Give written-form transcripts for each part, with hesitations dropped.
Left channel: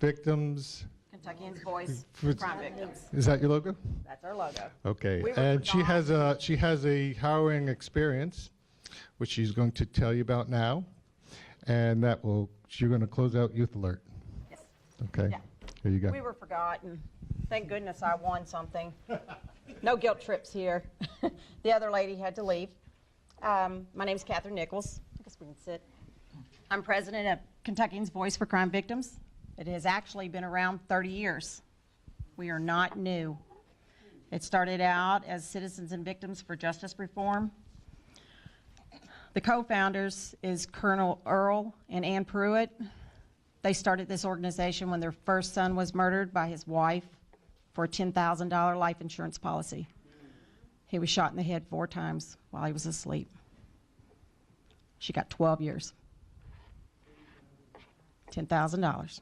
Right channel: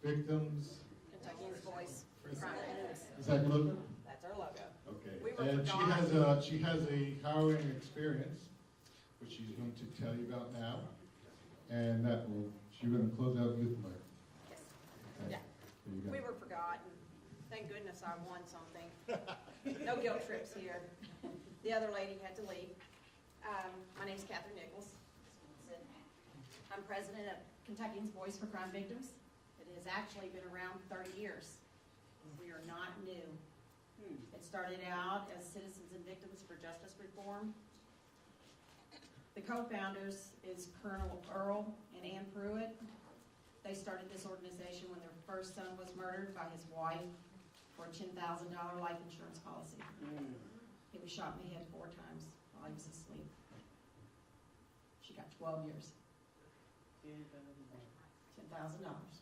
Victims. Kentuckians Voice, For- crime victims. Is that your logo? That's our logo. Okay. We were And she has a harrowing experience, which she's going to tell you about now, and you're going to close out Youth Alert. Yes. Okay. Yeah. Here you go. We were forgotten. Thank goodness I won something. No guilt trips here. The other lady had to leave. My name's Katherine Nichols. I guess we can sit. I'm president of Kentuckians Voice for Crime Victims. It has actually been around 30 years. We are not new. It started out as Citizens and Victims for Justice Reform. The co-founders is Colonel Earl and Ann Pruitt. They started this organization when their first son was murdered by his wife for a $10,000 life insurance policy. He was shot in the head 4 times while he was asleep. She got 12 years. $10,000.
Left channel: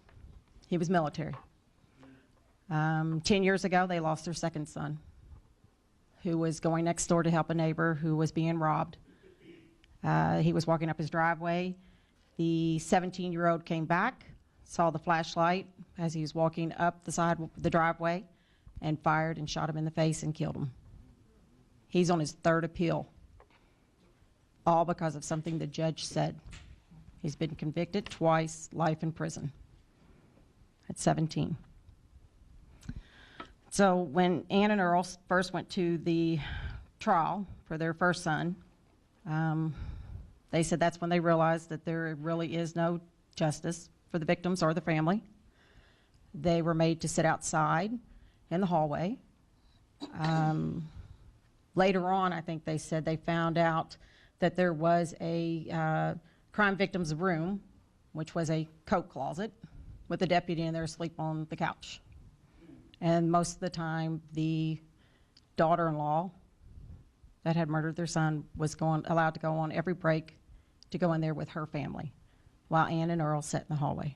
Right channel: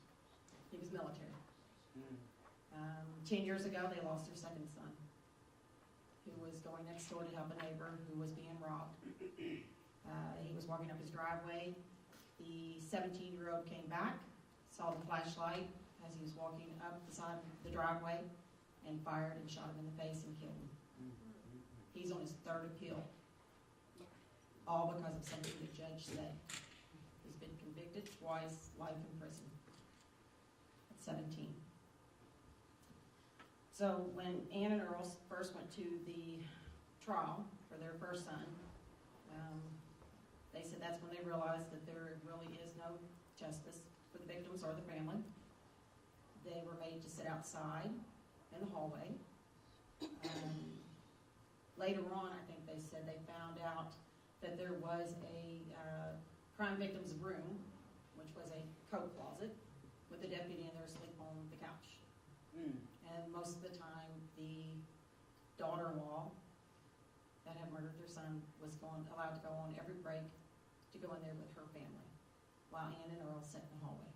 He was military. 10 years ago, they lost their second son, who was going next door to help a neighbor who was being robbed. He was walking up his driveway. The 17-year-old came back, saw the flashlight as he was walking up the side of the driveway, and fired and shot him in the face and killed him. He's on his 3rd appeal, all because of something the judge said. He's been convicted twice, life in prison at 17. So when Ann and Earl first went to the trial for their first son, they said that's when they realized that there really is no justice for the victims or the family. They were made to sit outside in the hallway. Later on, I think they said they found out that there was a crime victim's room, which was a coat closet, with a deputy in there asleep on the couch. And most of the time, the daughter-in-law that had murdered their son was allowed to go on every break to go in there with her family, while Ann and Earl sat in the hallway.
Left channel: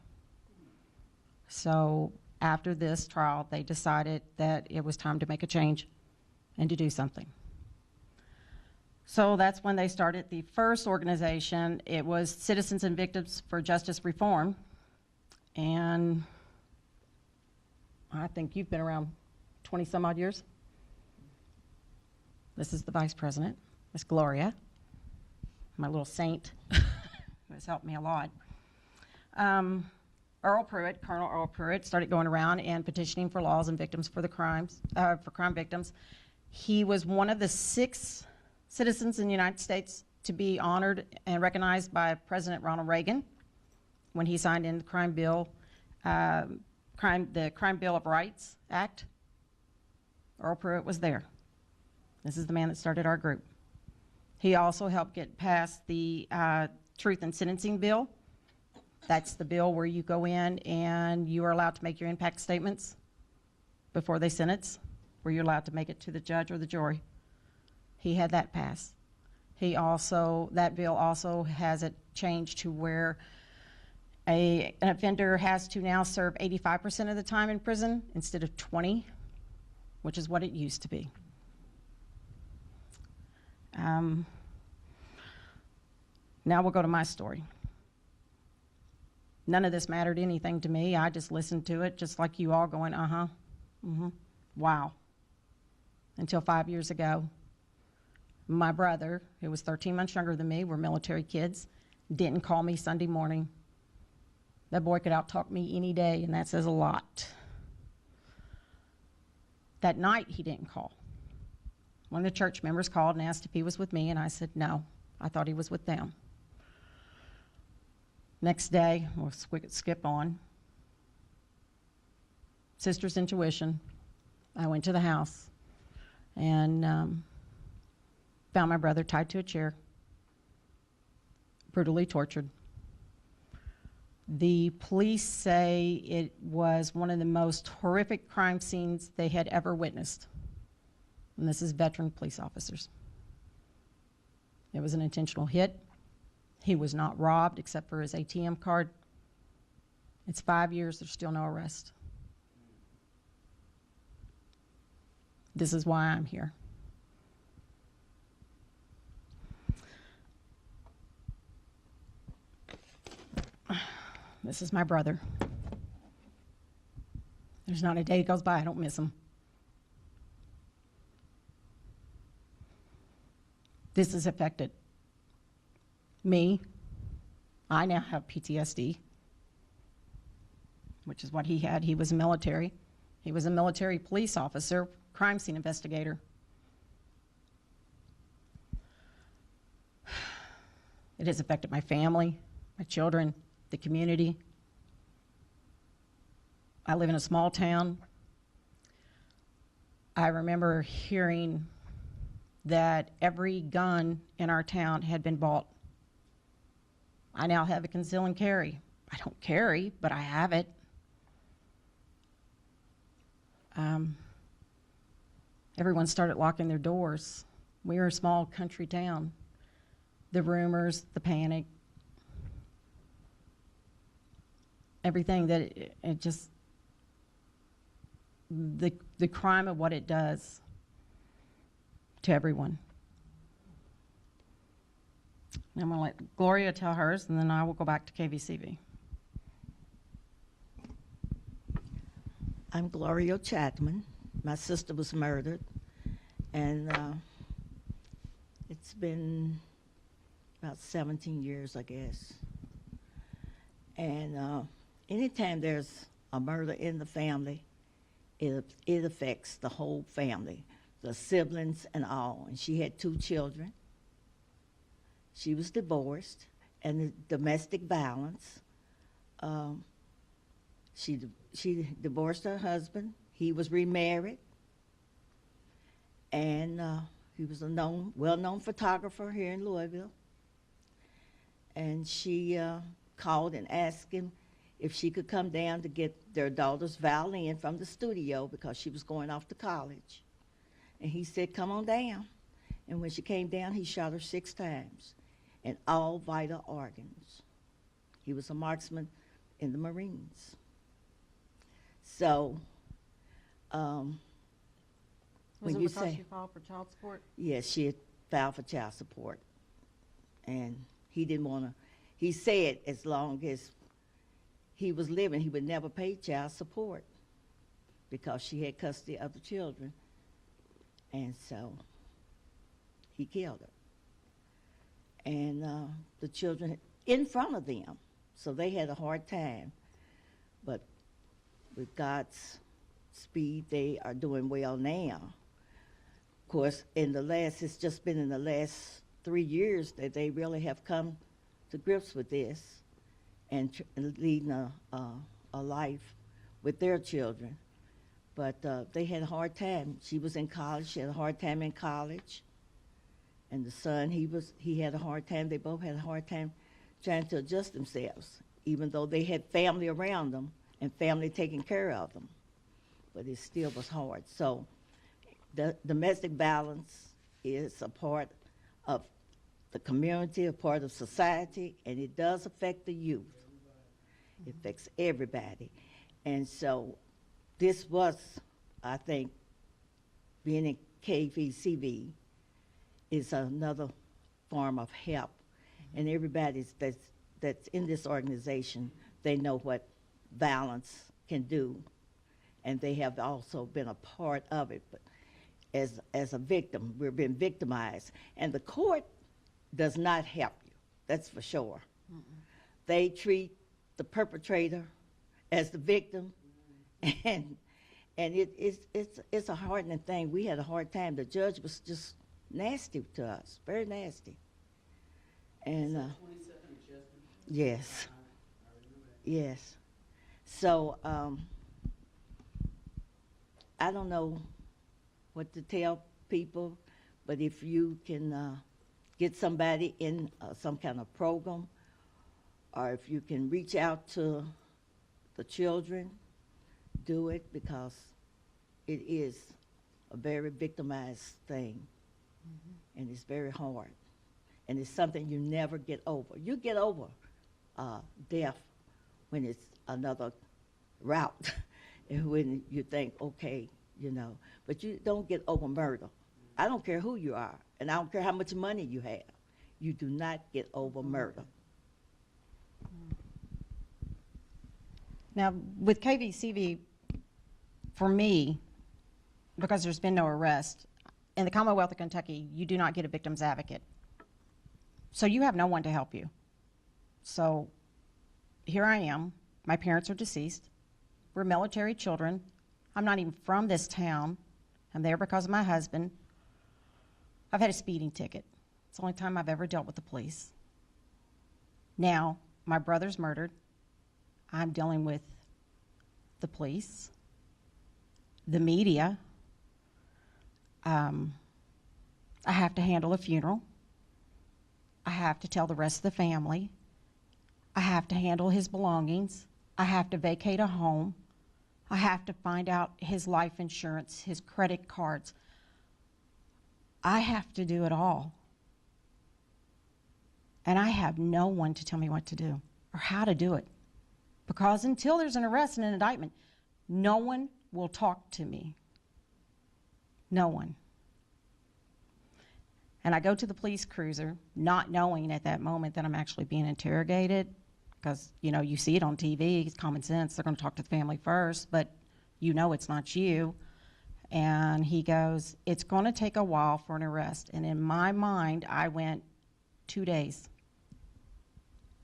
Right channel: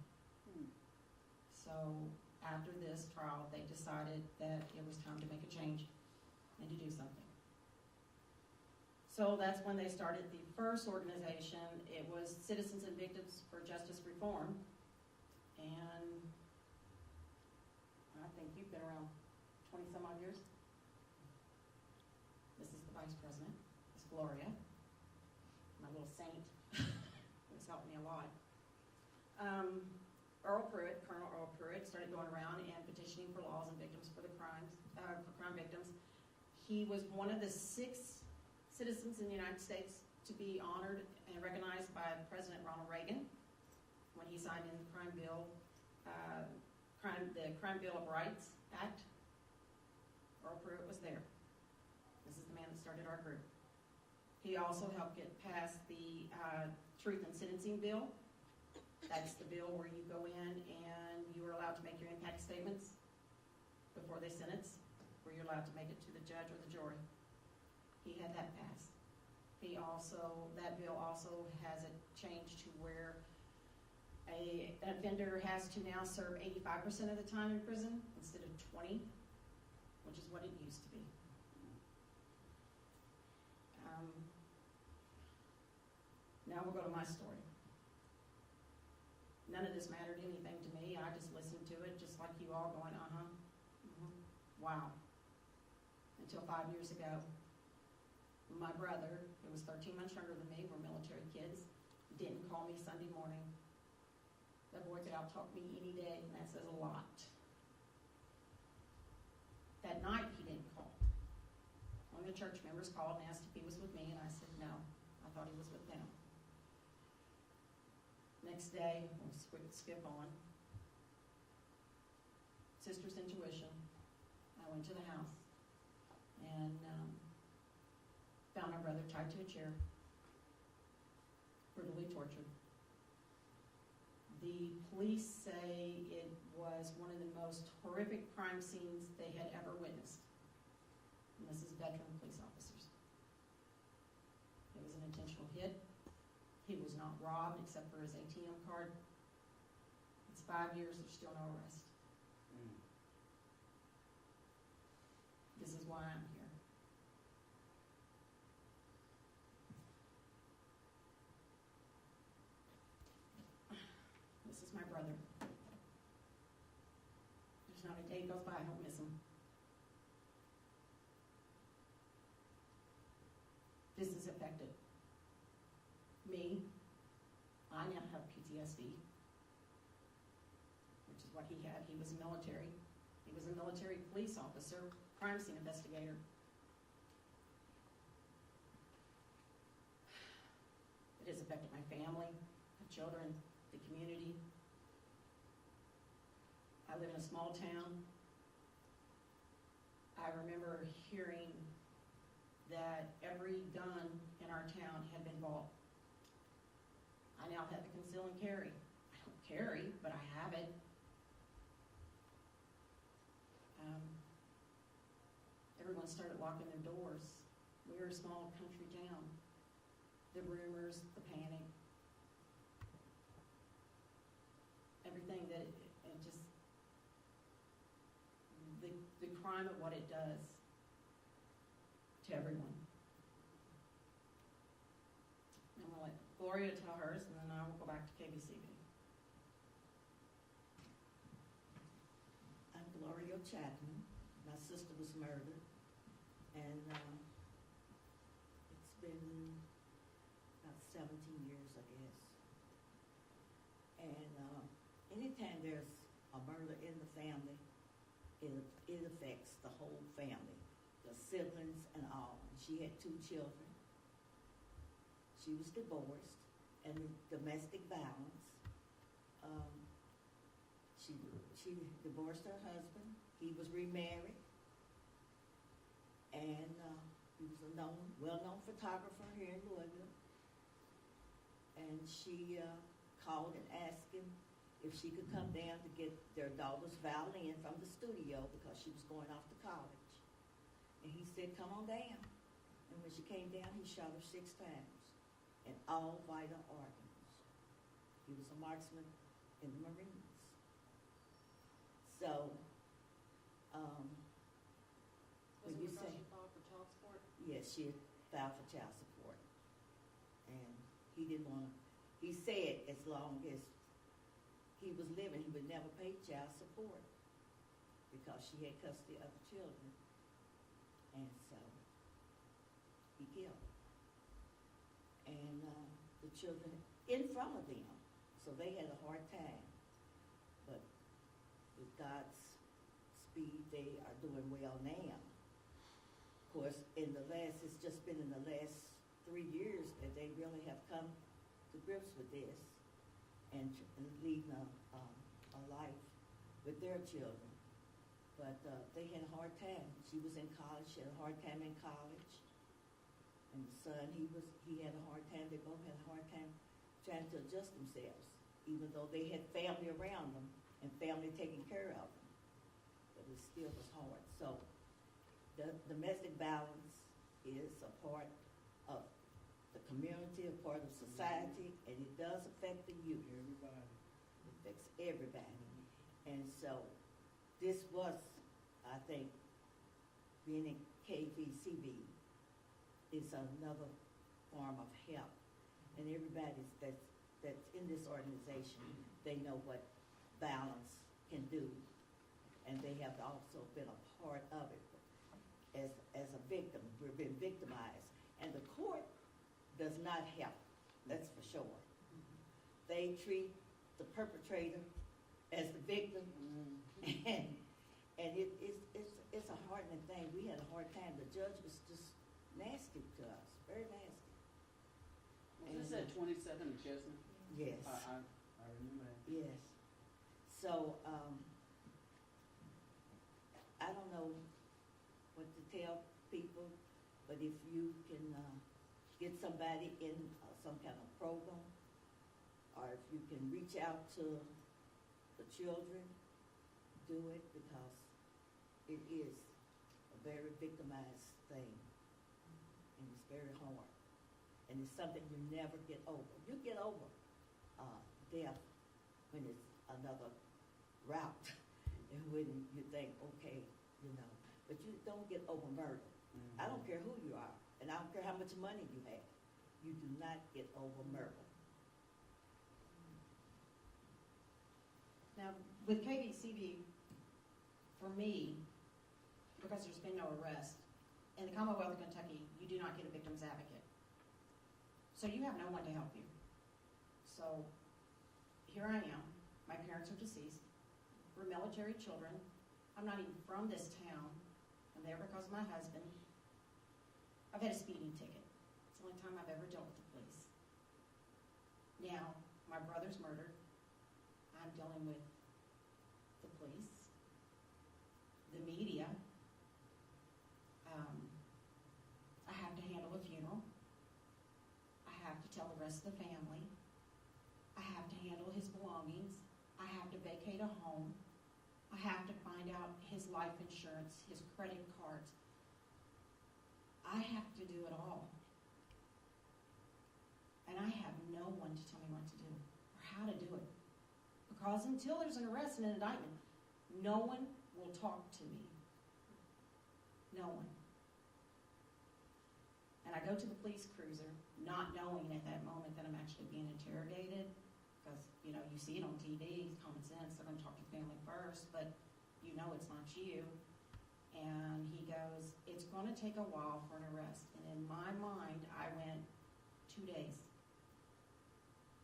So after this trial, they decided that it was time to make a change and to do something. So that's when they started the first organization. It was Citizens and Victims for Justice Reform. And I think you've been around 20 some odd years. This is the vice president, Miss Gloria, my little saint, who has helped me a lot. Earl Pruitt, Colonel Earl Pruitt, started going around and petitioning for laws and victims for the crimes, for crime victims. He was one of the 6 citizens in the United States to be honored and recognized by President Ronald Reagan when he signed in the Crime Bill, the Crime Bill of Rights Act. Earl Pruitt was there. This is the man that started our group. He also helped get passed the Truth in Sentencing Bill. That's the bill where you go in and you are allowed to make your impact statements before they sentence, where you're allowed to make it to the judge or the jury. He had that passed. That bill also has it changed to where an offender has to now serve 85% of the time in prison instead of 20, which is what it used to be. Now we'll go to my story. None of this mattered anything to me. I just listened to it, just like you all, going, wow. Until 5 years ago, my brother, who was 13 months younger than me, we're military kids, didn't call me Sunday morning. That boy could out-talk me any day, and that says a lot. That night, he didn't call. One of the church members called and asked if he was with me, and I said no. I thought he was with them. Next day, we'll skip on. Sister's intuition. I went to the house and found my brother tied to a chair, brutally tortured. The police say it was one of the most horrific crime scenes they had ever witnessed. And this is veteran police officers. It was an intentional hit. He was not robbed except for his ATM card. It's 5 years, there's still no arrest. This is why I'm here. This is my brother. There's not a day goes by I don't miss him. This has affected me. I now have PTSD, which is what he had. He was military. He was a military police officer, crime scene investigator. It has affected my family, my children, the community. I live in a small town. I remember hearing that every gun in our town had been bought. I now have a conceal and carry. I don't carry, but I have it. Everyone started locking their doors. We were a small country town. The rumors, the panic, everything that it just, the crime of what it does to everyone. I'm going to let Gloria tell hers, and then I will go back to KVCV. I'm Gloria Chapman. My sister was murdered, and it's been about 17 years, I guess. And anytime there's a murder in the family, it affects the whole family, the siblings and all. And she had 2 children. She was divorced, and the domestic violence. She divorced her husband. He was remarried, and he was a well-known photographer here in Louisville. And she called and asked him if she could come down to get their daughter's violin from the studio because she was going off to college. And he said, "Come on down." And when she came down, he shot her 6 times in all vital organs. He was a marksman in the Marines. So, Was when it you because say, she filed for child support? yes, she had filed for child support. And he didn't want to, he said as long as he was living, he would never pay child support because she had custody of the children. And so he killed her. And the children in front of them. So they had a hard time. But with God's speed, they are doing well now. Of course, it's just been in the last 3 years that they really have come to grips with this and leading a life with their children. But they had a hard time. She was in college. She had a hard time in college. And the son, he had a hard time. They both had a hard time trying to adjust themselves, even though they had family around them and family taking care of them. But it still was hard. So the domestic violence is a part of the community, a part of society, and it does affect the youth. It affects everybody. And so this was, I think, being in KVCV is another form of help. And everybody that's in this organization, they know what violence can do. And they have also been a part of it. But as a victim, we're being victimized. And the court does not help you, that's for sure. Mm-hmm. They treat the perpetrator as the victim. Mm-hmm. And it's a hardening thing. We had a hard time. The judge was just nasty to us, very nasty. And 27 Chestnut? yes, I remember that. yes. So I don't know what to tell people, but if you can get somebody in some kind of program, or if you can reach out to the children, do it, because it is a very victimized thing. Mm-hmm. And it's very hard. And it's something you never get over. You get over death when it's another route, and when you think, okay, but you don't get over murder. Mm-hmm. I don't care who you are, and I don't care how much money you have. You do not get over murder. Now, with KVCV, for me, because there's been no arrest, in the Commonwealth of Kentucky, you do not get a victim's advocate. So you have no one to help you. So here I am. My parents are deceased. We're military children. I'm not even from this town. I'm there because of my husband. I've had a speeding ticket. It's the only time I've ever dealt with the police. Now, my brother's murdered. I'm dealing with the police, the media. I have to handle a funeral. I have to tell the rest of the family. I have to handle his belongings. I have to vacate a home. I have to find out his life insurance, his credit cards. I have to do it all. And I have no one to tell me what to do or how to do it. Because until there's an arrest and an indictment, no one will talk to me. No one. And I go to the police cruiser, not knowing at that moment that I'm actually being interrogated, because, you know, you see it on TV, it's common sense, they're going to talk to the family first, but you know it's not you. And he goes, it's going to take a while for an arrest. And in my mind, I went, 2 days.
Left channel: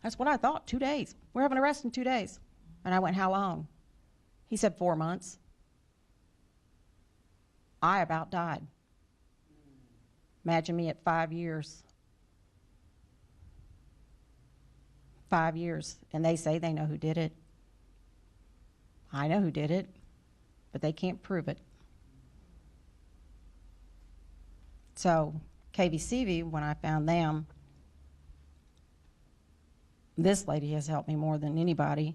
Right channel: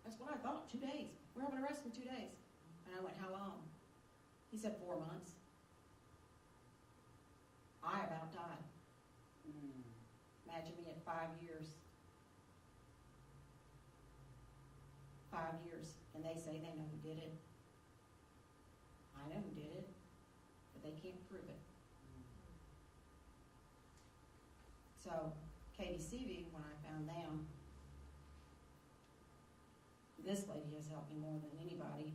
That's what I thought, 2 days. We're having an arrest in 2 days. And I went, how long? He said 4 months. I about died. Imagine me at 5 years. 5 years. And they say they know who did it. I know who did it, but they can't prove it. So KVCV, when I found them, this lady has helped me more than anybody,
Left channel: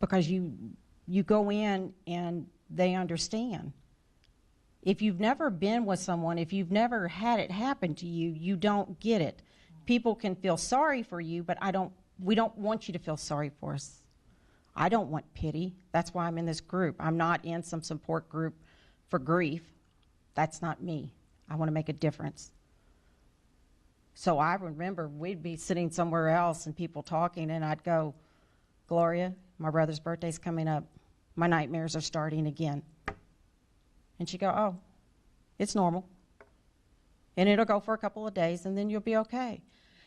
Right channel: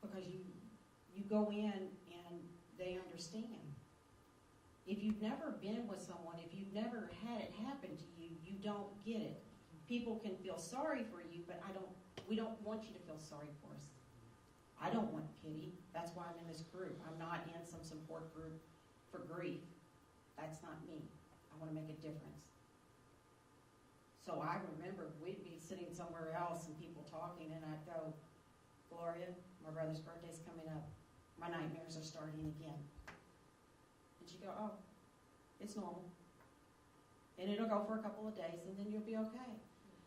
because you go in and they understand. If you've never been with someone, if you've never had it happen to you, you don't get it. People can feel sorry for you, but we don't want you to feel sorry for us. I don't want pity. That's why I'm in this group. I'm not in some support group for grief. That's not me. I want to make a difference. So I remember we'd be sitting somewhere else and people talking, and I'd go, Gloria, my brother's birthday's coming up. My nightmares are starting again. And she'd go, oh, it's normal. And it'll go for a couple of days, and then you'll be okay.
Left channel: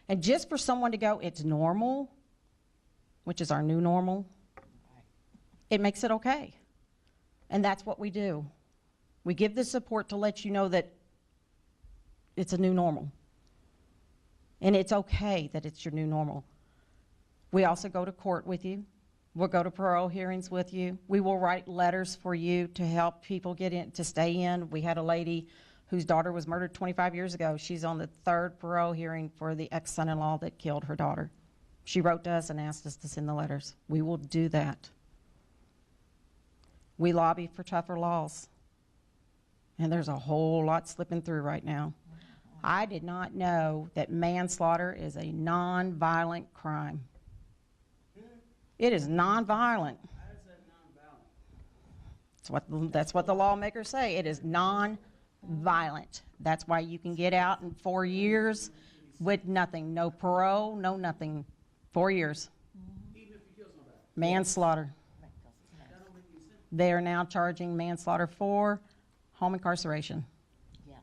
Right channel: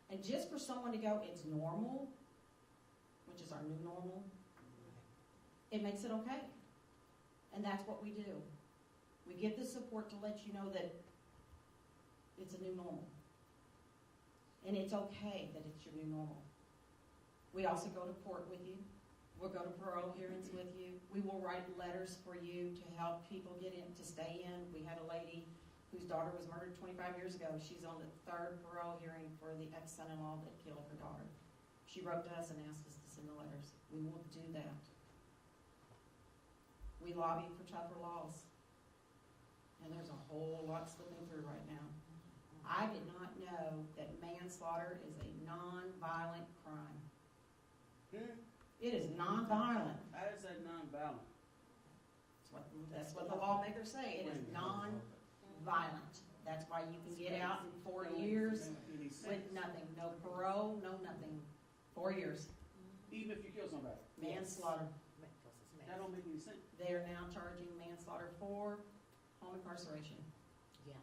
And just for someone to go, it's normal, which is our new normal, it makes it okay. And that's what we do. We give the support to let you know that it's a new normal. And it's okay that it's your new normal. We also go to court with you. We'll go to parole hearings with you. We will write letters for you to help people get in, to stay in. We had a lady whose daughter was murdered 25 years ago. She's on the 3rd parole hearing for the ex-son-in-law that killed her daughter. She wrote to us and asked us to send the letters. We will do that. We lobby for tougher laws. And there's a whole lot slipping through right now. I did not know that manslaughter is a non-violent crime. It is non-violent. How is that non-violent? That's what the lawmakers say. It is non-violent. That's why you can get out in 4 years with nothing. No parole, no nothing. 4 years. Even if you kill somebody? Manslaughter. That don't make any sense. They are now charging manslaughter for home incarceration. Yeah,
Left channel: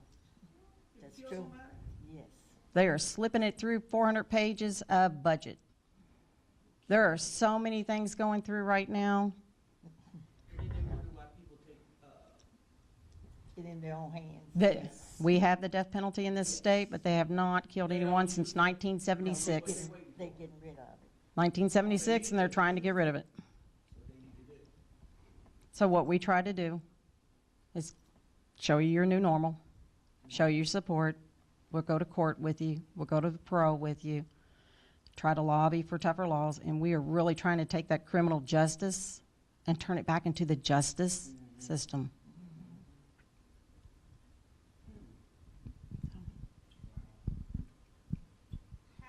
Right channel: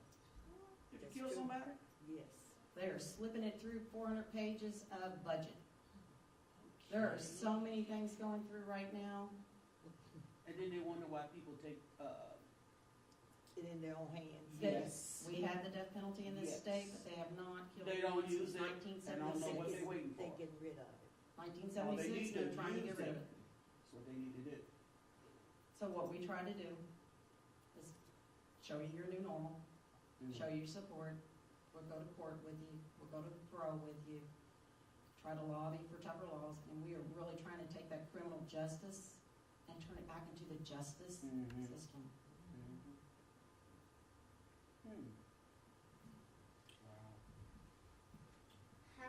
If that's you kill true. somebody? Yes. They are slipping it through 400 pages of budget. There are so many things going through right now. And then they wonder why people take, It in their own hands. That we have the death penalty in this state, but they have not killed They don't anyone use since it. 1976. They're waiting They for it. getting rid of it. 1976, and they're trying to get rid of it. That's what they need to do. So what we try to do is show you your new normal, show you your support. We'll go to court with you. We'll go to the parole with you. Try to lobby for tougher laws, and we are really trying to take that criminal justice and turn it back into the justice system. How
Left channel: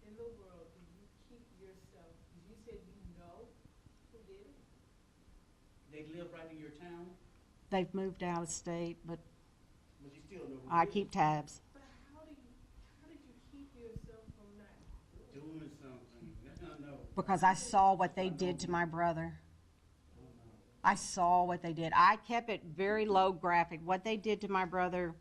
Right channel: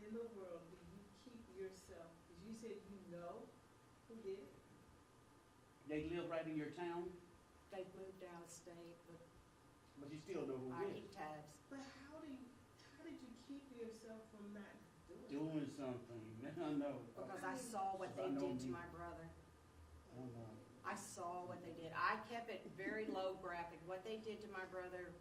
in the world do you keep yourself, because you said you know who did it? They live right in your town, They've moved out of state, but but you still know who I did it. keep tabs. But how did you keep yourself from not doing it? Doing something. I know. Because I saw what they did to my brother. I saw what they did. I kept it very low graphic. What they did to my brother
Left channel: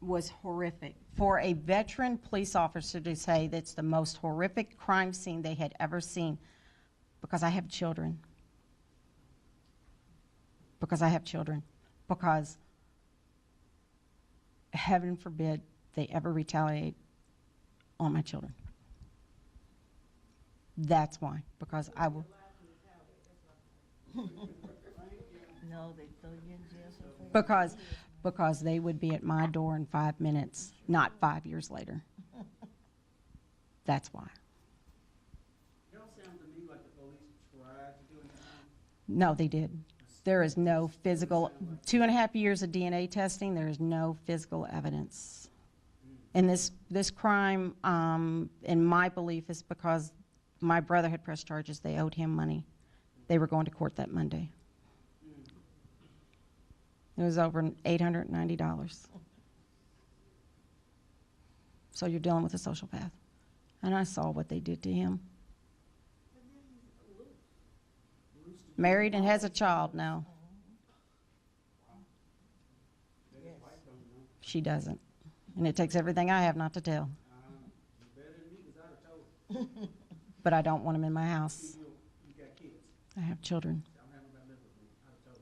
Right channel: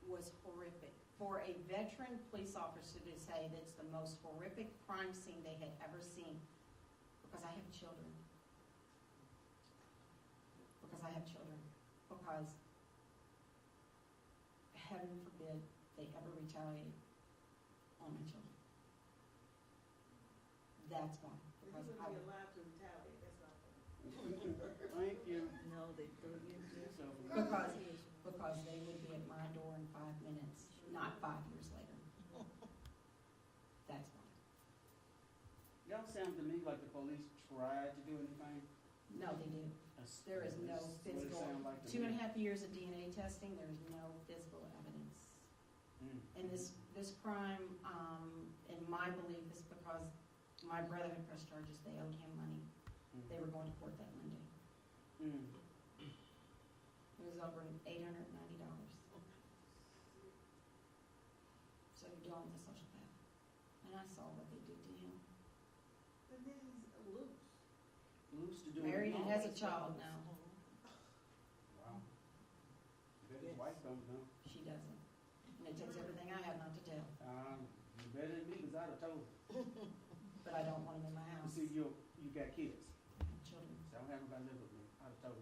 was horrific. For a veteran police officer to say that's the most horrific crime scene they had ever seen, because I have children. Because I have children. Because heaven forbid they ever retaliate on my children. That's why, because I will. Thank you. No, they throw you in jail. Because they would be at my door in 5 minutes, not 5 years later. That's why. Y'all sound to me like the police tried to do anything. No, they did. There is no physical, 2.5 years of DNA testing, there is no physical evidence. And this crime, in my belief, is because my brother had pressed charges. They owed him money. They were going to court that Monday. It was over $890. So you're dealing with a social path. And I saw what they did to him. Married and has a child now. She doesn't. And it takes everything I have not to tell. You better than me, 'cause I'd have told. But I don't want him in my house. You got kids. I have children. So I don't have nobody live with me. I'd have told.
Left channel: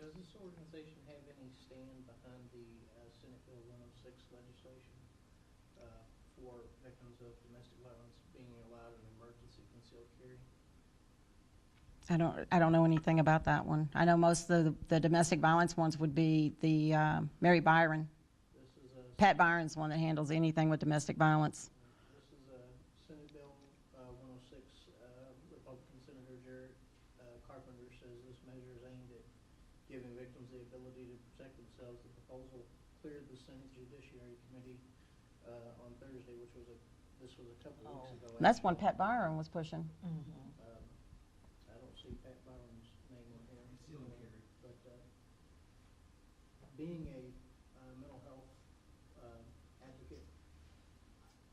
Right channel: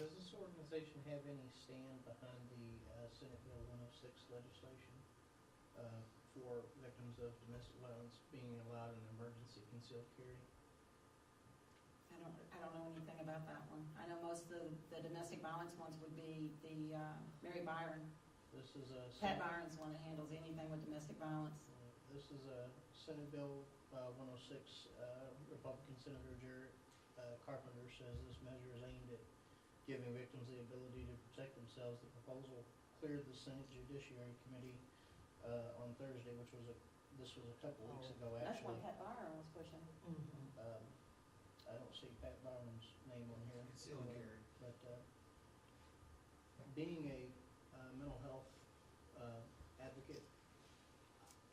Does this organization have any stand behind the Senate Bill 106 legislation for victims of domestic violence being allowed an emergency concealed carry? I don't know anything about that one. I know most of the domestic violence ones would be the Mary Byron. This is a Pat Byron's one that handles anything with domestic violence. This is a Senate Bill 106. Republican Senator Jared Carpenter says this measure is aimed at giving victims the ability to protect themselves. The proposal cleared the Senate Judiciary Committee on Thursday, this was a couple weeks ago. That's one actually. Pat Byron was pushing. I don't see Pat Byron's name on here. But being a mental health advocate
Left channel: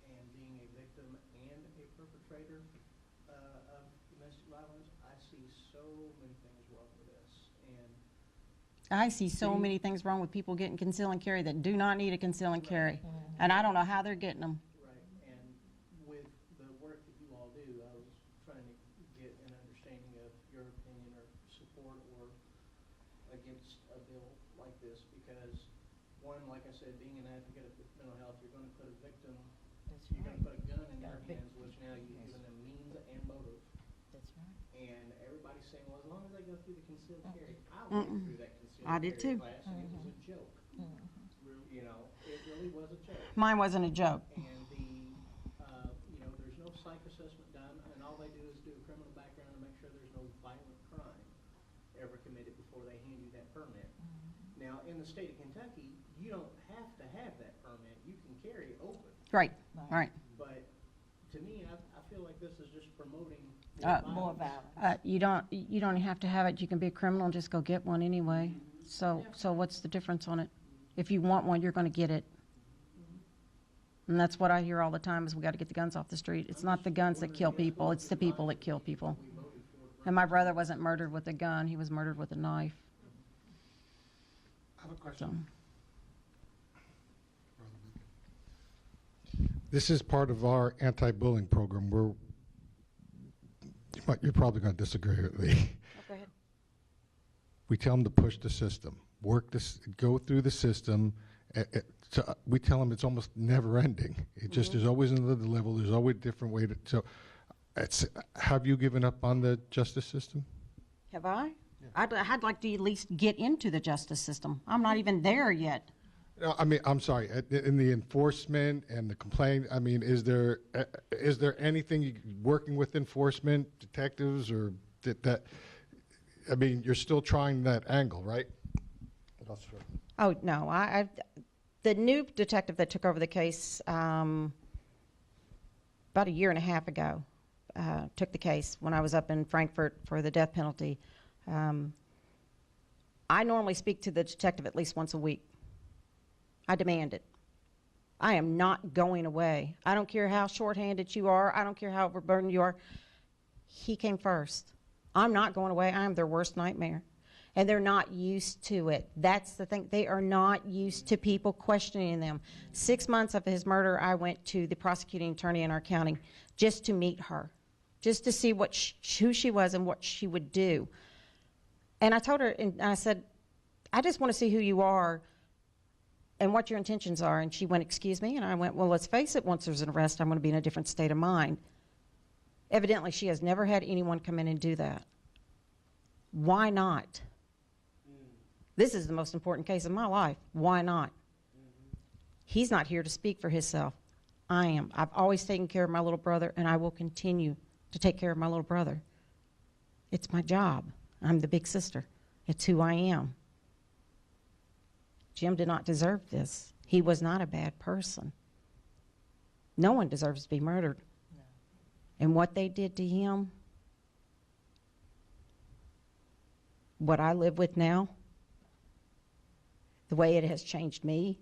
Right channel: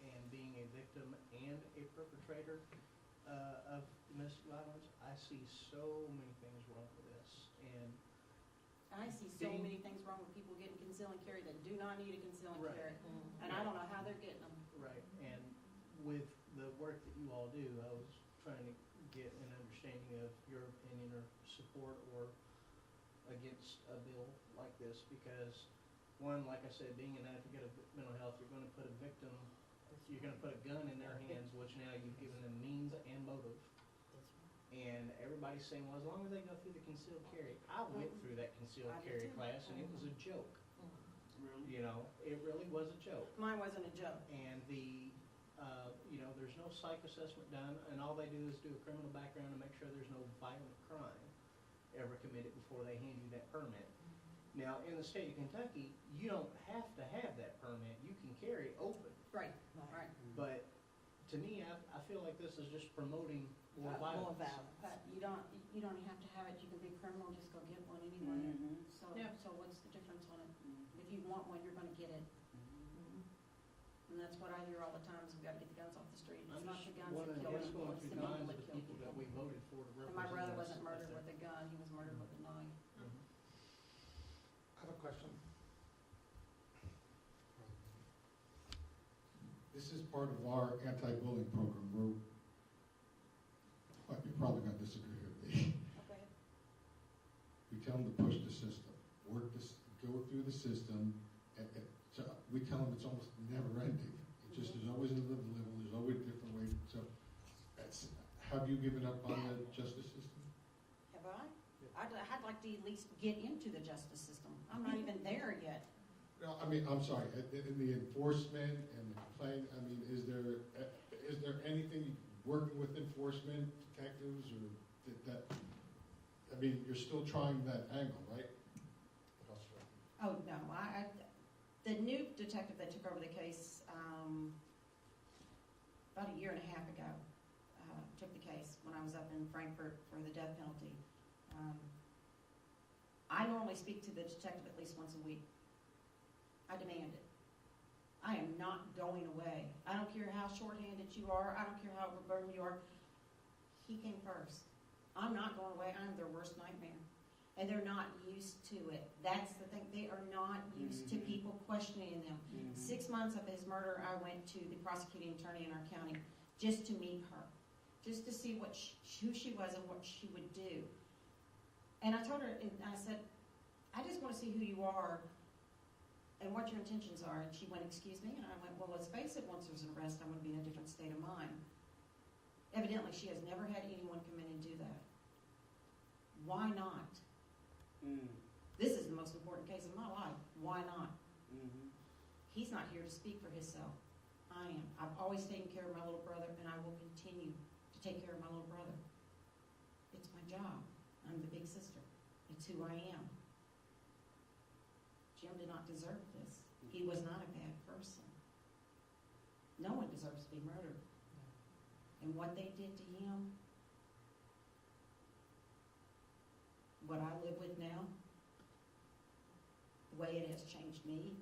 and being a victim and a perpetrator of domestic violence, I see so many things wrong with this. And I see so many things wrong with people getting conceal and carry that do not need a conceal and carry. And I don't know how they're getting them. right, and with the work that you all do, I was trying to get an understanding of your opinion or support or against a bill like this, because one, like I said, being an advocate of mental health, you're gonna put a victim, you're gonna put a gun in their hands, which now you've given them means and motive. That's right. And everybody's saying, well, as long as they go through the concealed carry, I went through that concealed I carry did too. class, and it was a joke. You know, it really was a joke. Mine wasn't a joke. And there's no psych assessment done, and all they do is do a criminal background and make sure there's no violent crime ever committed before they hand you that permit. Now, in the state of Kentucky, you don't have to have that permit. You can carry open. Right, right. But to me, I feel like this is just promoting More violence. You don't have to have it. You can be a criminal and just go get one anyway. So what's the difference on it? If you want one, you're going to get it. And that's what I hear all the time is we got to get the guns off the street. It's not the guns that kill people. It's the people that kill people. We voted for it. And my brother wasn't murdered with a gun. He was murdered with a knife. I have a So, question. This is part of our anti-bullying program. You're probably going to disagree with me. go ahead. We tell them to push the system, go through the system. We tell them it's almost never ending. It just, there's always another level, there's always a different way to, have you given up on the justice system? Have I? I'd like to at least get into the justice system. I'm not even there yet. No, I mean, I'm sorry, in the enforcement and the complaint, I mean, is there anything, working with enforcement, detectives, or that, I mean, you're still trying that angle, right? Oh, no, the new detective that took over the case about a year and a half ago took the case when I was up in Frankfurt for the death penalty. I normally speak to the detective at least once a week. I demand it. I am not going away. I don't care how shorthanded you are. I don't care how overburdened you are. He came first. I'm not going away. I am their worst nightmare. And they're not used to it. That's the thing. They are not used to people questioning them. 6 months after his murder, I went to the prosecuting attorney in our county just to meet her, just to see who she was and what she would do. And I told her, and I said, I just want to see who you are and what your intentions are. And she went, excuse me? And I went, well, let's face it, once there's an arrest, I'm going to be in a different state of mind. Evidently, she has never had anyone come in and do that. Why not? This is the most important case of my life. Why not? He's not here to speak for himself. I am. I've always taken care of my little brother, and I will continue to take care of my little brother. It's my job. I'm the big sister. It's who I am. Jim did not deserve this. He was not a bad person. No one deserves to be murdered. And what they did to him, what I live with now, the way it has changed me,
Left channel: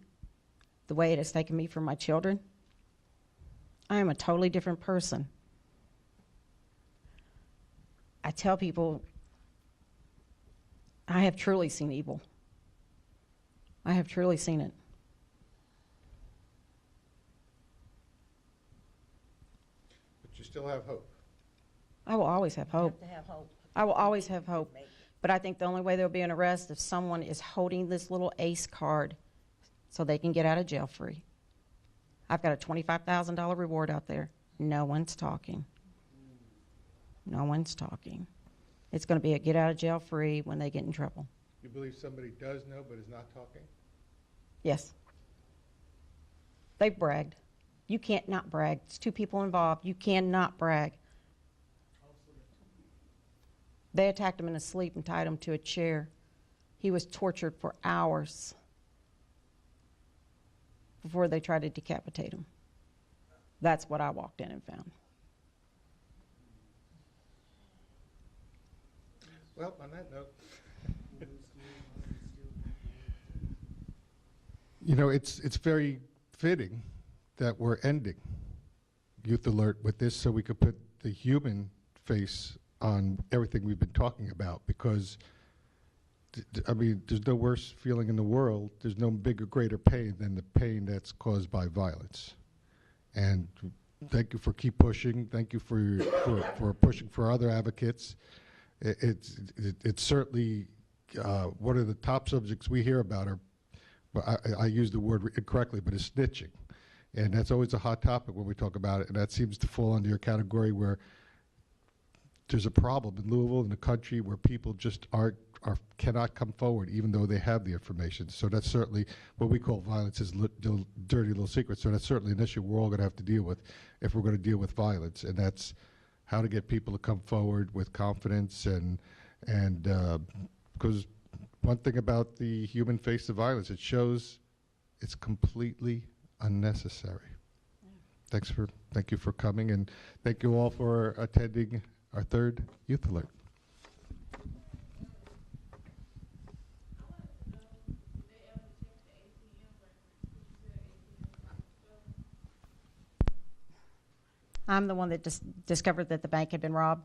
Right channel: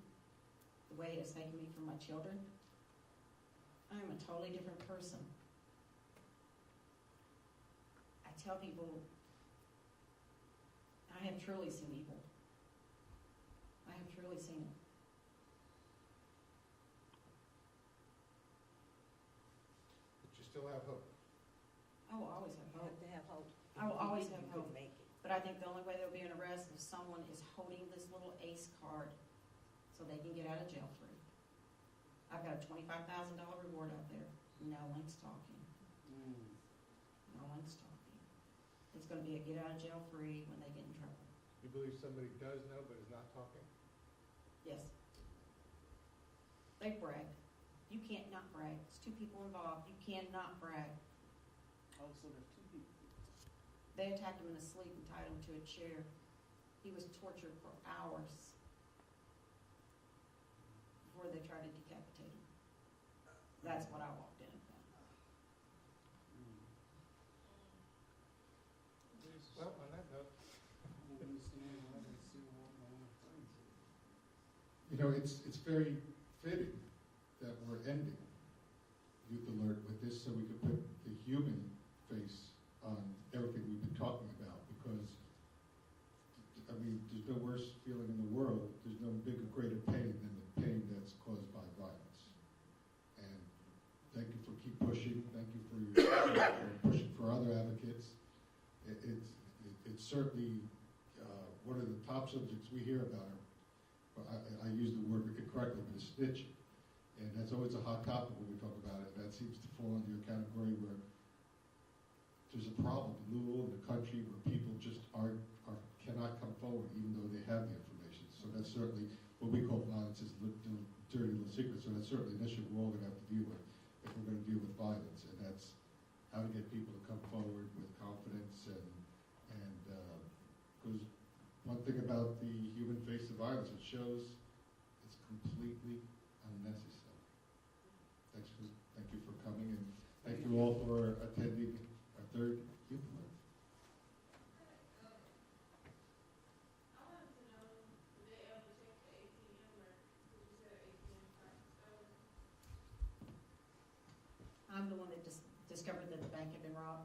the way it has taken me from my children, I am a totally different person. I tell people, I have truly seen evil. I have truly seen it. But you still have hope. I will always have hope. You have to have hope. I will always have You hope. make it. But I think the only way there'll be an arrest if someone is holding this little ACE card so they can get out of jail free. I've got a $25,000 reward out there. No one's talking. No one's talking. It's going to be a get out of jail free when they get in trouble. You believe somebody does know but is not talking? Yes. They've bragged. You can't not brag. It's 2 people involved. You cannot brag. They attacked him in his sleep and tied him to a chair. He was tortured for hours before they tried to decapitate him. That's what I walked in and found. Well, on that note, you know, it's very fitting that we're ending Youth Alert with this so we could put the human face on everything we've been talking about, because I mean, there's no worse feeling in the world, there's no bigger, greater pain than the pain that's caused by violence. And thank you for keep pushing. Thank you for pushing for other advocates. It's certainly one of the top subjects we hear about are, well, I use the word incorrectly, but it's snitching. And that's always a hot topic when we talk about it, and that seems to fall under your category where there's a problem in Louisville, in the country, where people just cannot come forward even though they have the information. So that's certainly what we call violence is dirty little secrets. So that's certainly an issue we're all going to have to deal with if we're going to deal with violence, and that's how to get people to come forward with confidence and because one thing about the human face of violence, it shows it's completely unnecessary. Thank you for coming, and thank you all for attending our 3rd Youth Alert. I'm the one that discovered that the bank had been robbed.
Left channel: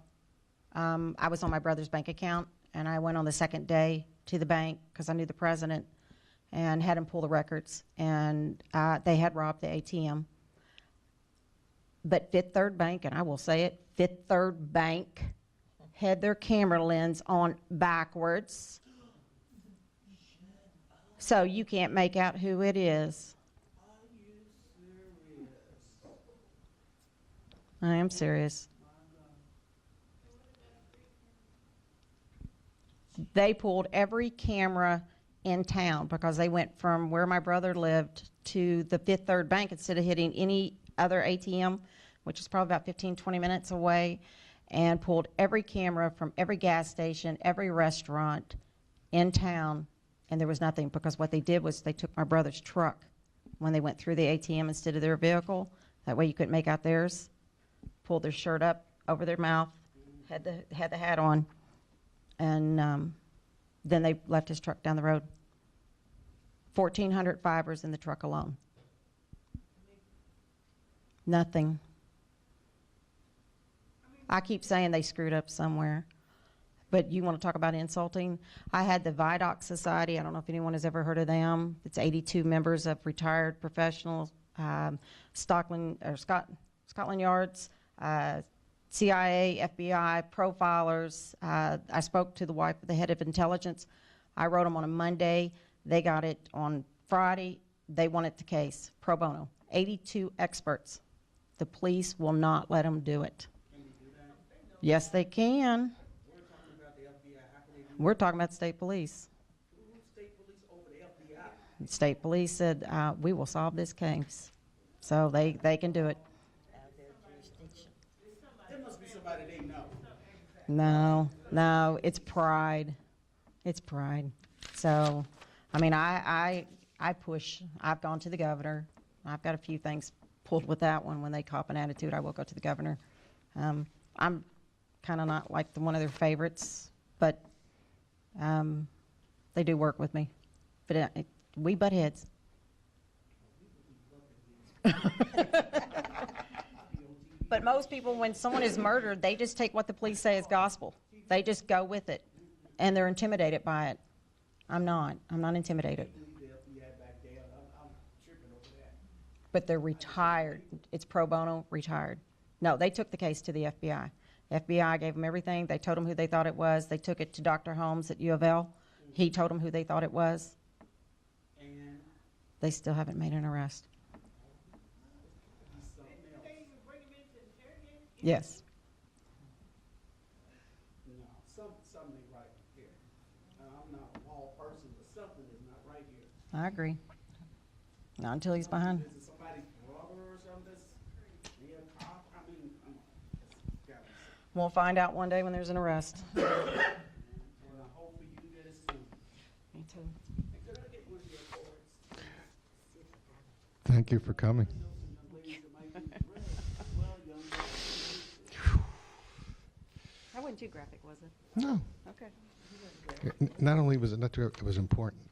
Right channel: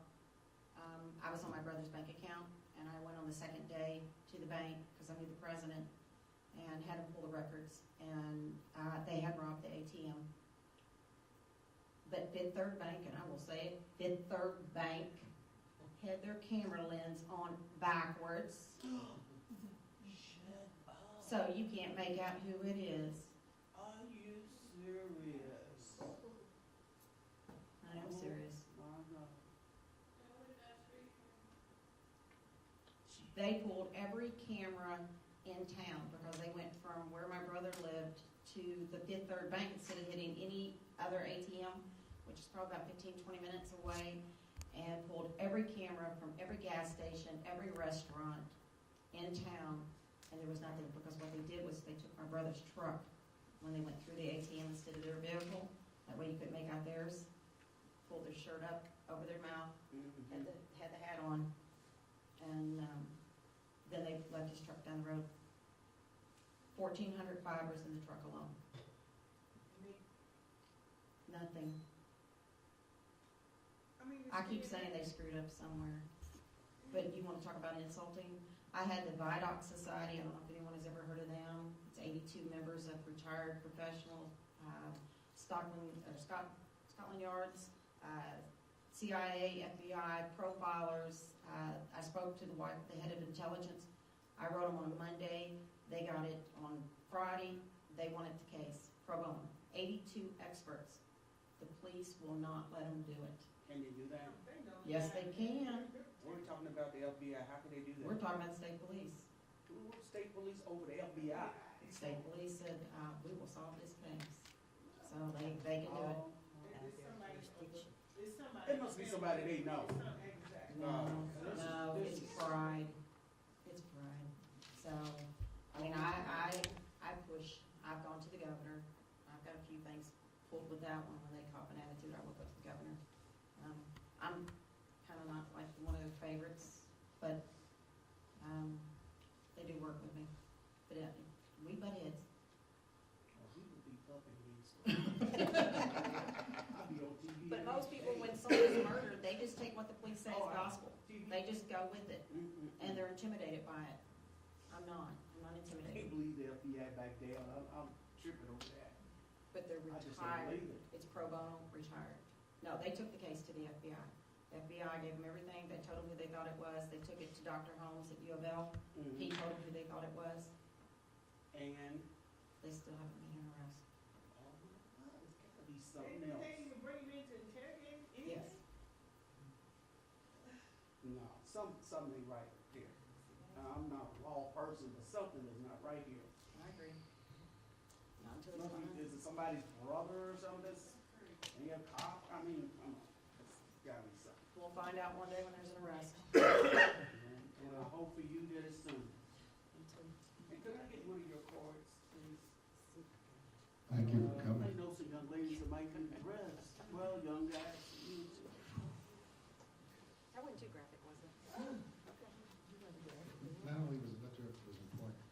I was on my brother's bank account, and I went on the 2nd day to the bank because I knew the president and had him pull the records, and they had robbed the ATM. But Fifth Third Bank, and I will say it, Fifth Third Bank had their camera lens on backwards. So you can't make out who it is. Are you serious? I am serious. They pulled every camera in town because they went from where my brother lived to the Fifth Third Bank instead of hitting any other ATM, which is probably about 15, 20 minutes away, and pulled every camera from every gas station, every restaurant in town, and there was nothing because what they did was they took my brother's truck when they went through the ATM instead of their vehicle. That way you couldn't make out theirs. Pulled their shirt up over their mouth, had the hat on, and then they left his truck down the road. 1,400 fibers in the truck alone. Nothing. I mean, I keep saying they screwed up somewhere. But you want to talk about insulting? I had the Vidoc Society. I don't know if anyone has ever heard of them. It's 82 members of retired professionals, Scotland Yards, CIA, FBI, profilers. I spoke to the wife of the head of intelligence. I wrote them on a Monday. They got it on Friday. They wanted the case pro bono. 82 experts. The police will not let them do it. Can you do that? Yes, they can. We're talking about the FBI, how can they do that? We're talking about state police. Who's state police over the FBI? State police said, we will solve this case. So they can do it. There must be somebody they know. No, it's pride. It's pride. So, I mean, I push. I've gone to the governor. I've got a few things pulled with that one. When they cop an attitude, I will go to the governor. I'm kind of not like one of their favorites, but they do work with me. But we butt heads. But most people, when someone is murdered, they just take what the police say as gospel. They just go with it, and they're intimidated by it. I'm not. I'm not intimidated. I believe the FBI back there, I'm tripping over that. But they're retired. It's pro bono, retired. No, they took the case to the FBI. FBI gave them everything. They told them who they thought it was. They took it to Dr. Holmes at U of L. He told them who they thought it was. And They still haven't made an arrest. he's something else. Yes. No, something ain't right here. I'm not a law person, but something is not right here. I agree. Not until he's behind. Is it somebody's brother or something that's in your cop? I mean, come on. It's gotta be something. We'll find out one day when there's an arrest. And I hope for you guys soon. And could I get one of your cards? Thank you for coming. I know some young ladies that might be impressed. Well, young ladies. That wasn't too graphic, was it? No. Okay. Not only was it not too, it was important.